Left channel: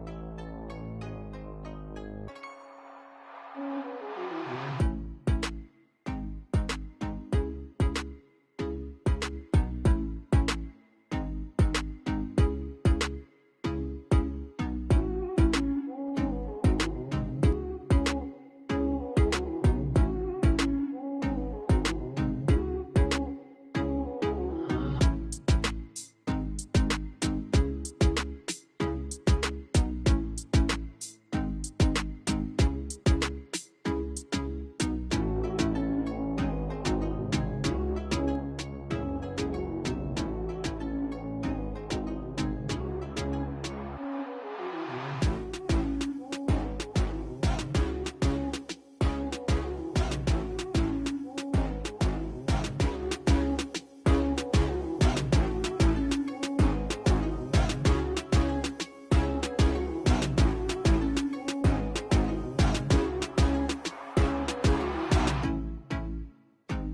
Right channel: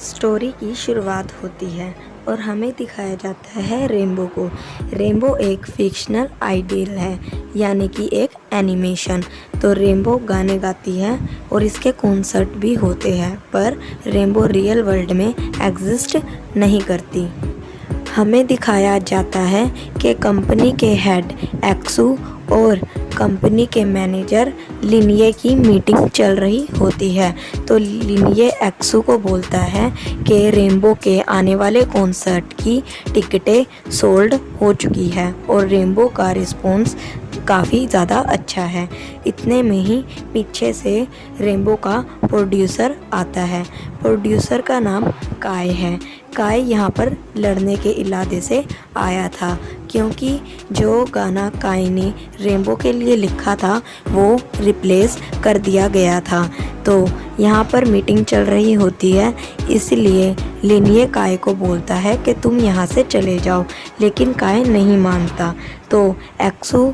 Story की शुरुआत होती है और हमें दिखाया जाता है रेनबो को। रेनबो एक फिक्शनल आइडियल है, यानी कि एक एनिमेशन। तो रेनबो गाने गाती है और इसके कॉन्सर्ट भी होते हैं, पर रेनबो रियल वर्ल्ड में एग्जिस्ट नहीं करती। हमें दिखाया जाता है कि कंपनी के हेड एक्सू और कंपनी के मैनेजर लिनिये की मीटिंग चल रही होती है। तो लिनिये एक्सू को बोलता है कि रेनबो के आने वाले कॉन्सर्ट की टिकटें सोल्ड हो चुकी है और रेनबो का रिस्पॉन्स काफ़ी ज़्यादा अच्छा है। इतने में ही पीछे से रेनबो का प्रोड्यूसर आता है। प्रोड्यूसर का नाम काय है। काय यहाँ पर लड़ने के इरादे से आया था, क्योंकि जो गाना काय ने रेनबो के लिए लिखा था वो रिप्लेस कर दिया गया था। तो यहाँ पर मीटिंग चल रही होती है, इसलिए लिनिये काय को बोलता है कि तुम यहाँ से चले जाओ, लेकिन काय नहीं मानता। तो एक्सू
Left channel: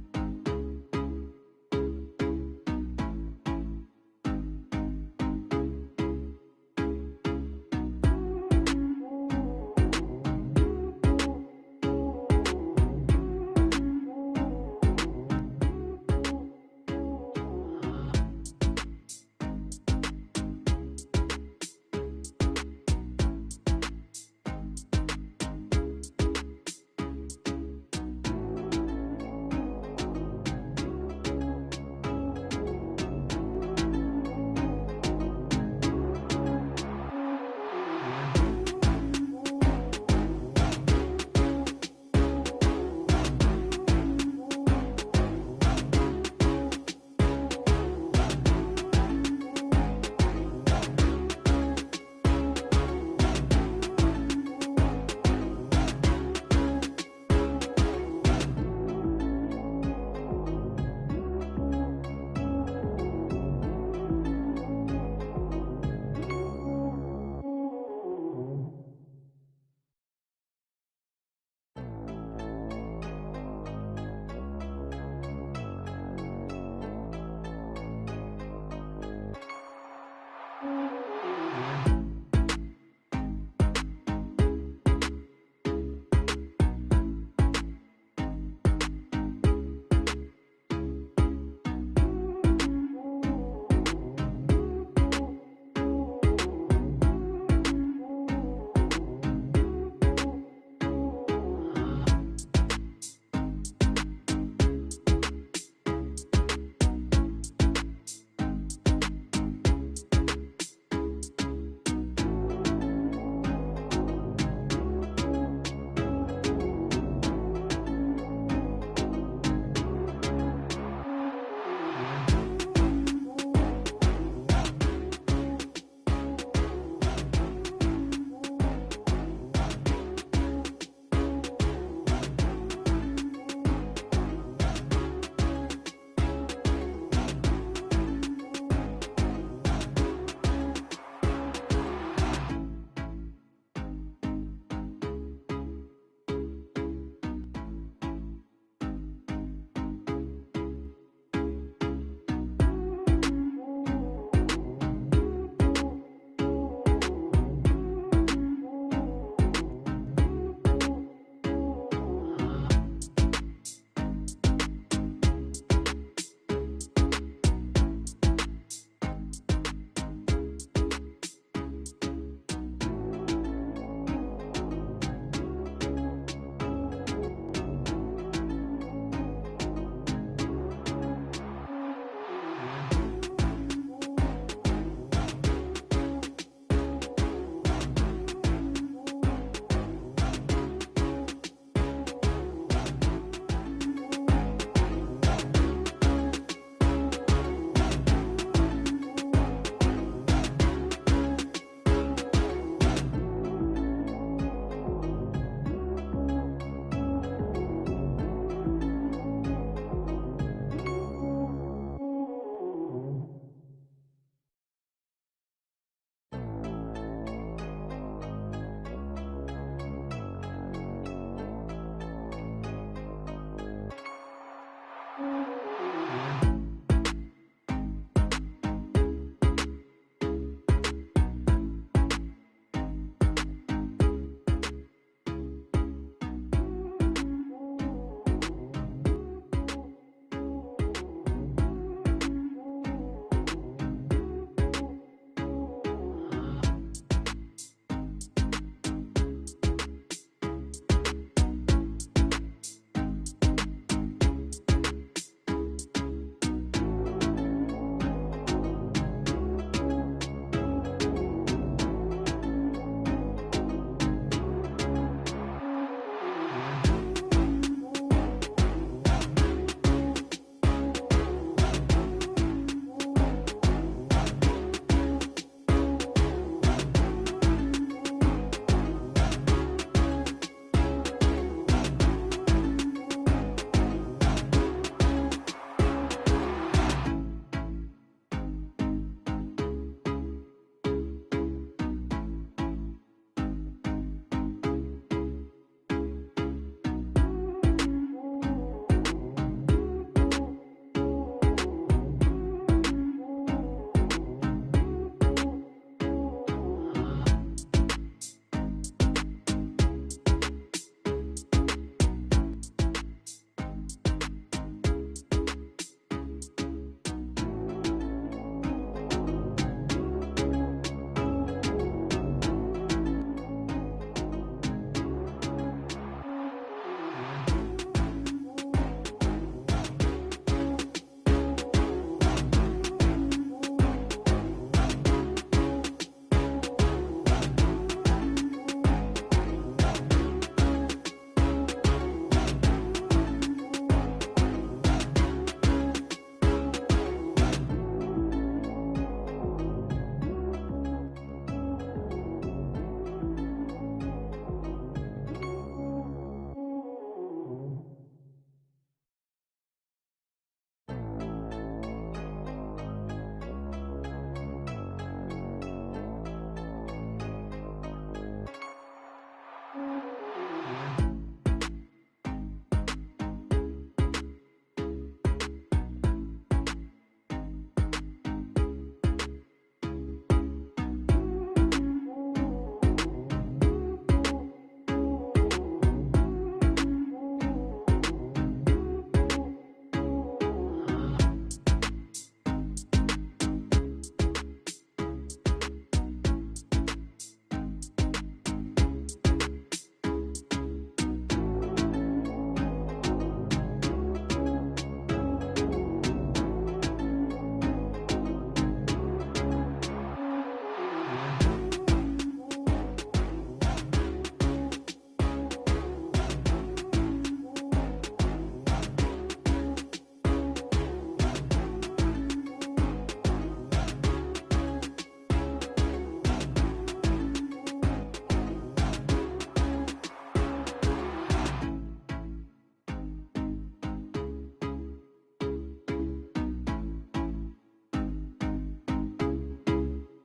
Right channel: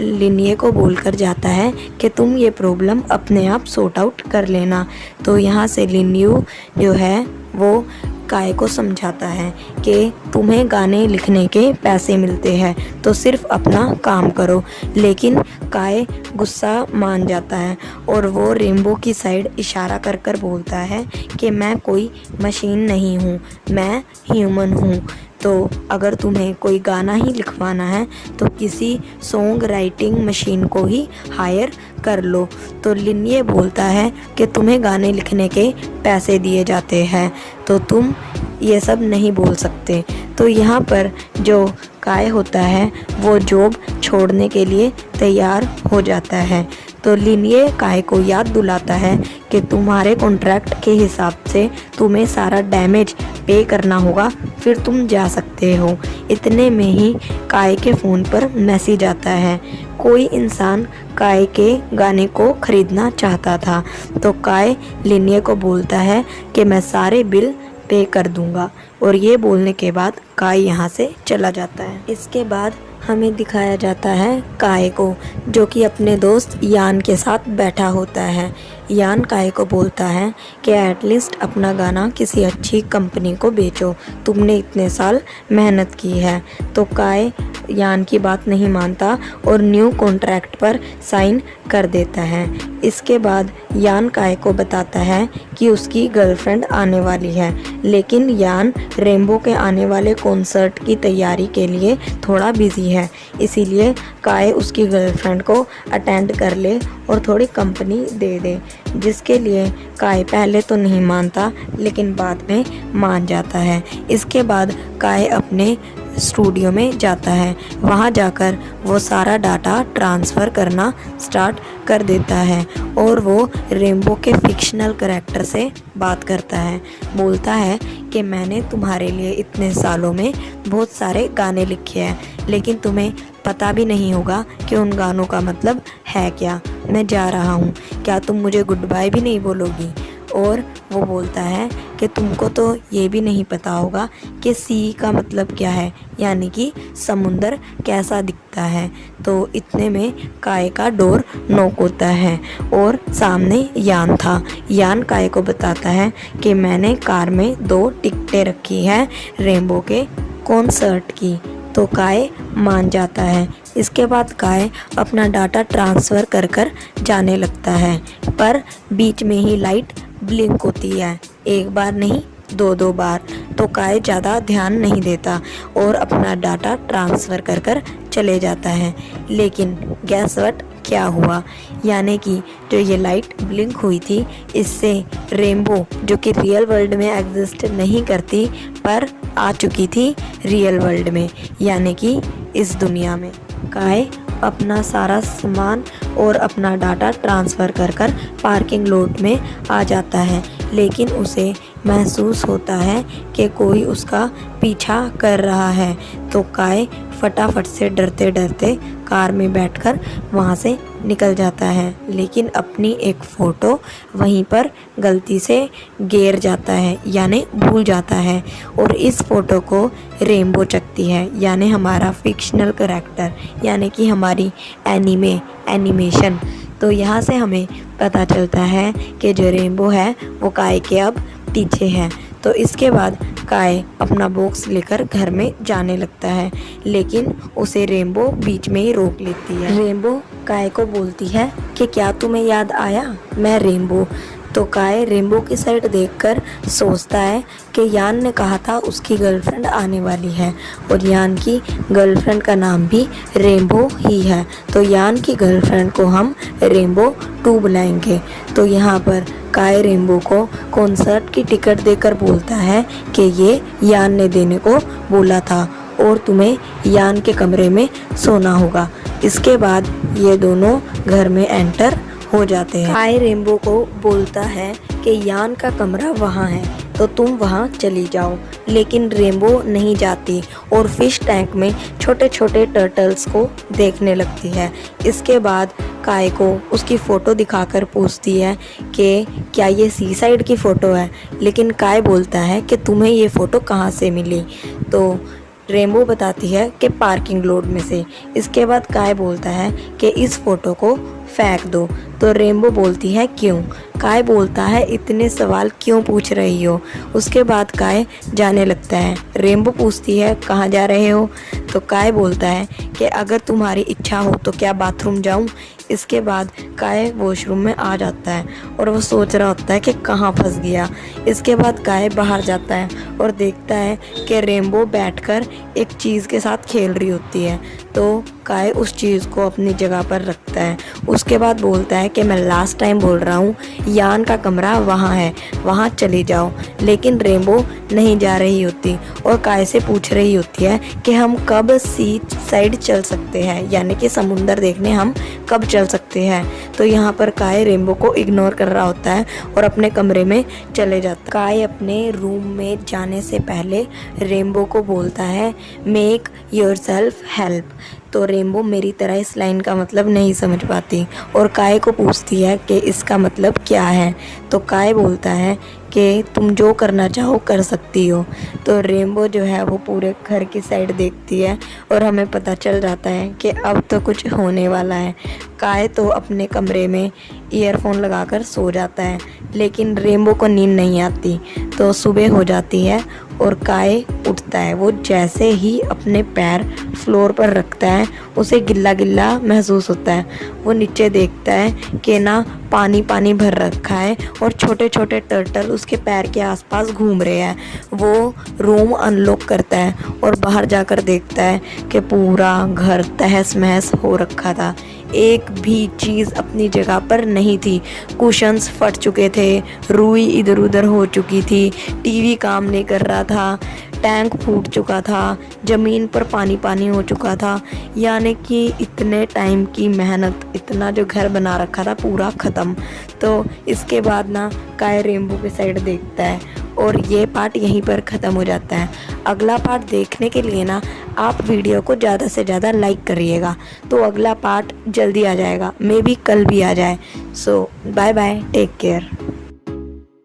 लिनिये को बोलकर जाता है कि तुम ये प्रॉब्लम अपने आप सॉर्ट आउट कर लेना। तो यहाँ से लिन्यू जो है वो काय को समझाता है कि तुम्हें गाने लिखने के पैसे मिलते हैं, तो सिर्फ अपना काम करो। लेकिन काय गुस्सा मान जाता है और वो रेनबो की साइड इशारा कर कर बोलता है कि मैं कोई मशीन नहीं हूँ, मैं ह्यूमन हूँ। तो अगर तुम्हें कोई गाना ही लिखवाना है तो किसी सॉन्ग राइटिंग मशीन को ही हायर कर लो। तो लिनिये बोलता है कि तुम्हें गाने लिखने के पैसे दिए जाते हैं, तो तुम ये सब नहीं बोल सकते। तो यहाँ पर जो काय होता है वो जॉब छोड़ने के लिए तैयार हो जाता है। तो लिनिये काय को याद दिलाता है कि तुम्हारे कॉन्ट्रैक्ट के हिसाब से तुम्हें सारा डैमेज पे करना होगा, फिर तुम जा सकते हो। इतने में ही काय के फ़ोन पर मैसेज आता है। कोई इंसान काय के गाने को ख़रीदना चाहता था। तो काय लिनिये को बोलता है कि मैं सारे बिल पे कर दूंगा, और ये बोलने के बाद काय यहाँ से चला जाता है। इसके बाद हमें दिखाया जाता है काय को, जो कि अपने दोस्त यान के साथ बैठा होता है। यान काय को बोलता है कि एटलीस्ट अपना गाना किसी अच्छी कंपनी को बेचो, तुमने इतने साल मेहनत की है। तो काय यान की बात नहीं मानता और न्यू कॉन्ट्रैक्ट पर साइन कर देता है। इसके बाद यान काय को बताता है कि उसकी गर्लफ्रेंड आने वाली है, लेकिन यान रेनबो के आने वाले कॉन्सर्ट की तैयारी के लिए थोड़ा बिजी है, इसीलिए काय उसकी गर्लफ्रेंड को अटेंड कर ले और थोड़ी कंपनी दे दे। जिसके लिए काय पहले तो नहीं मानता, लेकिन बाद में मान जाता है। इसके बाद काय अपने स्टूडियो में जाता है। वहाँ जाकर वो सारा डाटा ट्रांसफ़र करना स्टार्ट कर देता है और वो रेनबो के फिक्शनल कैरेक्टर से बात करता है। बोलता है कि मैंने तुम्हारे लिए इतने सालों में बहुत सारे गाने लिखे हैं, लेकिन तुम्हें पता भी नहीं होगा कि उन गानों का मतलब है क्या। मैं जा रहा हूँ, क्या तुम मुझे गुड बाय भी नहीं बोलोगी? और वो बोलता है कि तुमको तो ये भी नहीं पता होगा कि सी का मतलब क्या है, यानी कि समुंदर कैसा दिखता है। तो इतने में काय का डोर नॉक होता है और सामने यान था। यान काय को बताता है कि मैंने कार में 2 टिकटें रखी हैं रेनबो के कॉन्सर्ट की। तो काय मान जाता है। इसके बाद काय अपना डाटा ट्रांसफ़र कर कर जाने लगता है, पर बीच में ही लाइट ब्लिंक होती है, एक बार नहीं 2 बार। तो काय ज़्यादा ध्यान नहीं देता और अपना डाटा ट्रांसफ़र कर कर चले जाता है। लेकिन गैस व्हाट क्या हुआ, यानी कि जो ये लाइट ब्लिंक हुई थी, इससे रेनबो जो कि रियल वर्ल्ड में एग्जिस्ट नहीं करती पर आ चुकी थी रियल वर्ल्ड में, यानी कि इस दुनिया में। काय अपना सारा सामान और अपना डाटा ट्रांसफ़र कर कर पार्किंग लॉट में आ जाता है, लेकिन उसे महसूस होता है कि कोई उसका पीछा कर रहा है। तो काय फटाफट से डरते डरते कार में बैठकर वहाँ से निकल जाता है, लेकिन अपनी एक फ़ोटो वहीं पर गलती से गिर जाता है, यानी भूल जाता है। और इस फ़ोटो को रेनबो चखती है, यानी हमारा फिक्शनल कैरेक्टर, यानी कि हमारी एनिमेशन। तो यहाँ से हमें पता चलता है कि जो रेनबो है वो काय के अब पीछे है। तो इसके बाद काय अपना बॉक्स लेकर घर में जाने लगता है, लेकिन उसे रेनबो बीच में ही रोक लेती है। रेनबो काय को बोलती है कि क्या तुम्हें याद आया, मैं रेनबो। तो काय रेनबो की साइड देखकर सोचता है कि यान ने कहा था उसकी गर्लफ्रेंड आने वाली है और यान की गर्लफ्रेंड का नाम भी रेनबो ही है, तो यान की गर्लफ्रेंड को हम रेनबो 2 बुलाएंगे। तो यहाँ पर काय रेनबो को कॉन्सर्ट की टिकट देकर बोलता है कि ये यान ने देने को बोला था और तुम्हें यान के कमरे में सोना होगा। इसके बाद ये दोनों घर में एंटर हो जाते हैं। काय रेनबो को बोलता है कि यान का कमरा वहाँ है तो तुम वहाँ चली जाओ, लेकिन रेनबो नहीं जाती और फिश टैंक में छोटे छोटे टर्टल्स को देखने लगती है। इसके बाद काय को उसकी फ़ोटो दिखाकर पूछती है कि क्या ये सी साइड की फ़ोटो है, लेकिन काय बोलता है कि तुम्हें ये फ़ोटो कहाँ से मिली। तो रेनबो बताती है कि पार्किंग लॉट में से। इसके बाद काय बोलता है कि इस फ़ोटो को फेंक दो। तो रेनबो बोलती है क्यों। काय बोलता है इतने सवाल क्यों पूछ रही हो। उसके बाद काय जाने लगता है। रेनबो पूछती है कहाँ जा रहे हो। तो काय बोलता है कि अगर तुम्हारी इच्छा हो तो क्या बाथरूम जाऊं। इसके बाद काय वॉशरूम में आ जाता है और वो सोच रहा होता है कि कहाँ फंस गया। इसके बाद काय बाहर जाता है और देखता है कि रेनबो बैठकर एक चीज़ के साथ खेल रही होती है। तो काय उस चीज़ को अपनी जगह पर रखता है। उसके बाद बोलता है कि मैं लास्ट टाइम बोल रहा हूँ, यान का कमरा वहाँ है, वहाँ चली जाओ। लेकिन रेनबो नहीं जा रही होती और काय से पूछ रही होती है कि हम कब सी साइड चल सकते हैं, यानी कि समुंदर देखने हम कब चल सकते हैं। तो यहाँ पर काय रेनबो को इग्नोर कर रहा होता है और अपने कमरे में चले जाता है। काय अपने रूम में जाने से पहले रेनबो को बोलता है मेक योरसेल्फ हेल्प। तो रेनबो मेरी तरह इस लाइन का मतलब नहीं समझ पाती और काय को पूछती है कि इसका मतलब क्या है। तो काय बोलता है कि तुम जो करना चाहो कर सकती हो। तो रेनबो जो है वो पूरे घर की साइड देखती है और हमें पता चल जाता है कि अब तो कुछ होने वाला है। काय तो अपने कमरे में ईयरफोन लगाकर सो जाता है, लेकिन रेनबो को नींद नहीं आती। तो सुबह हो जाती है और काय उठता है। वो जैसे ही अपने पैर फ्लोर पर रखता है उसे गिल्ला गिल्ला महसूस होता है। वो नीचे देखता है कि ना पानी पानी भर रखा है और छोटे छोटे टर्टल उसके पैर के आसपास घूम रहे हैं। वो रूम अनलॉक करता है और बाहर जाकर देखता है कि पूरा घर तहस महस हो रखा था। एक भी चीज़ अपनी जगह पर नहीं थी। कुशन्स फट चुके थे, रुई इधर उधर हो चुकी थी, टीवी काम नहीं कर रहा था, टैंक फूट चुका था, ज़मीन पर पानी पानी हो चुका था। यानी कि इतने टाइम की मेहनत, इतना जो घर बना रखा था पूरा ख़त्म। तो इसके बाद ना काय रेनबो की साइड देखता है और ये पार्ट यहीं पर ख़त्म हो जाता है। अगला पार्ट देखने के लिए ना आप वीडियो को ज़्यादा से ज़्यादा लाइक करिएगा, तो अगला पार्ट जल्दी आ जाएगा, मे बी कल भी आ जाए। सो बाय बाय, टेक केयर।